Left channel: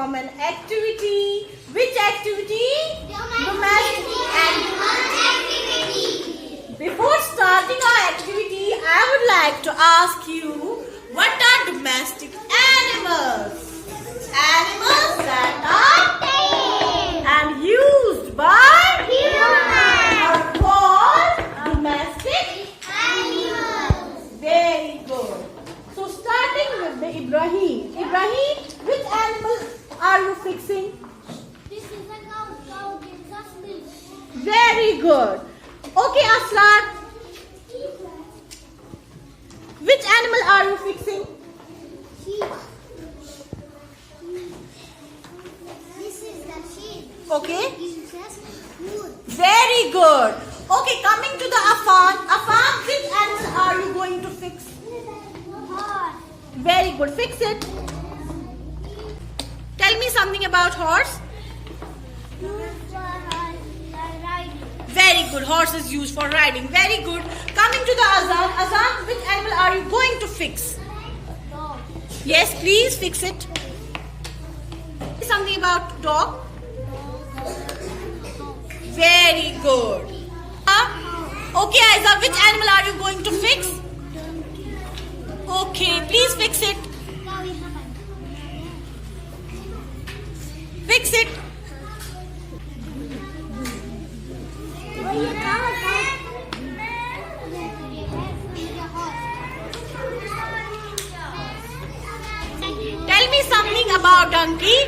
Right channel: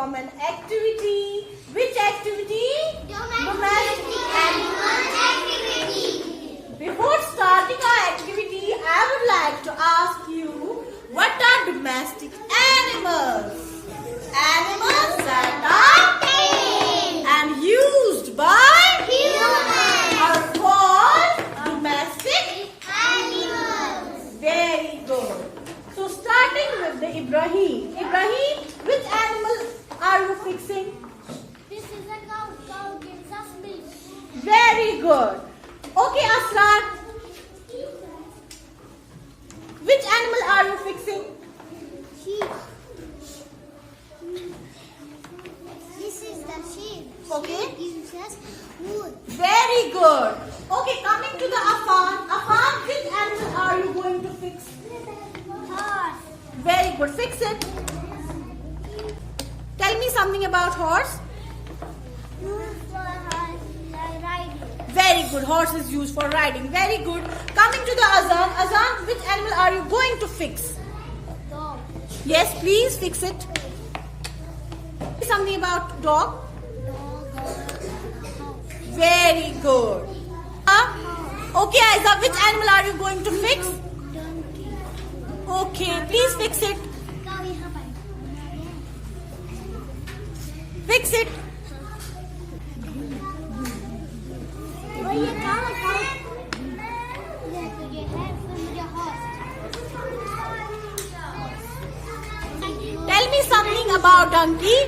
perform an activity. Which activity? Domestic animal activity. Before starting our activity, I would like to ask you, what are domestic animals? Animals that are tamed and used by humans are called domestic animals. Very good. So starting with the Ibrahim. Ibrahim, which animal are you fixing? This is a cow. Cow gives us milk. Very good. Okay, Aslan. Which animal are you fixing? Sheep. This is the sheep. Okay. Gives us food. Very good. Okay, coming to the Afan. Afan, which animal are you going to fix? Horse. Very good. Fix it. Tell me something about horse. Used for riding. Very good. Horse is used for riding. Very good. Coming to the Azan. Azan, which animal are you going to fix? Dog. Yes, please fix it. Something about dog. Dog. House. Very good. Okay, Aiza, which animal are you going to fix? Donkey. Okay, please fix it. Cow is a Fix it. Tell me something about donkey.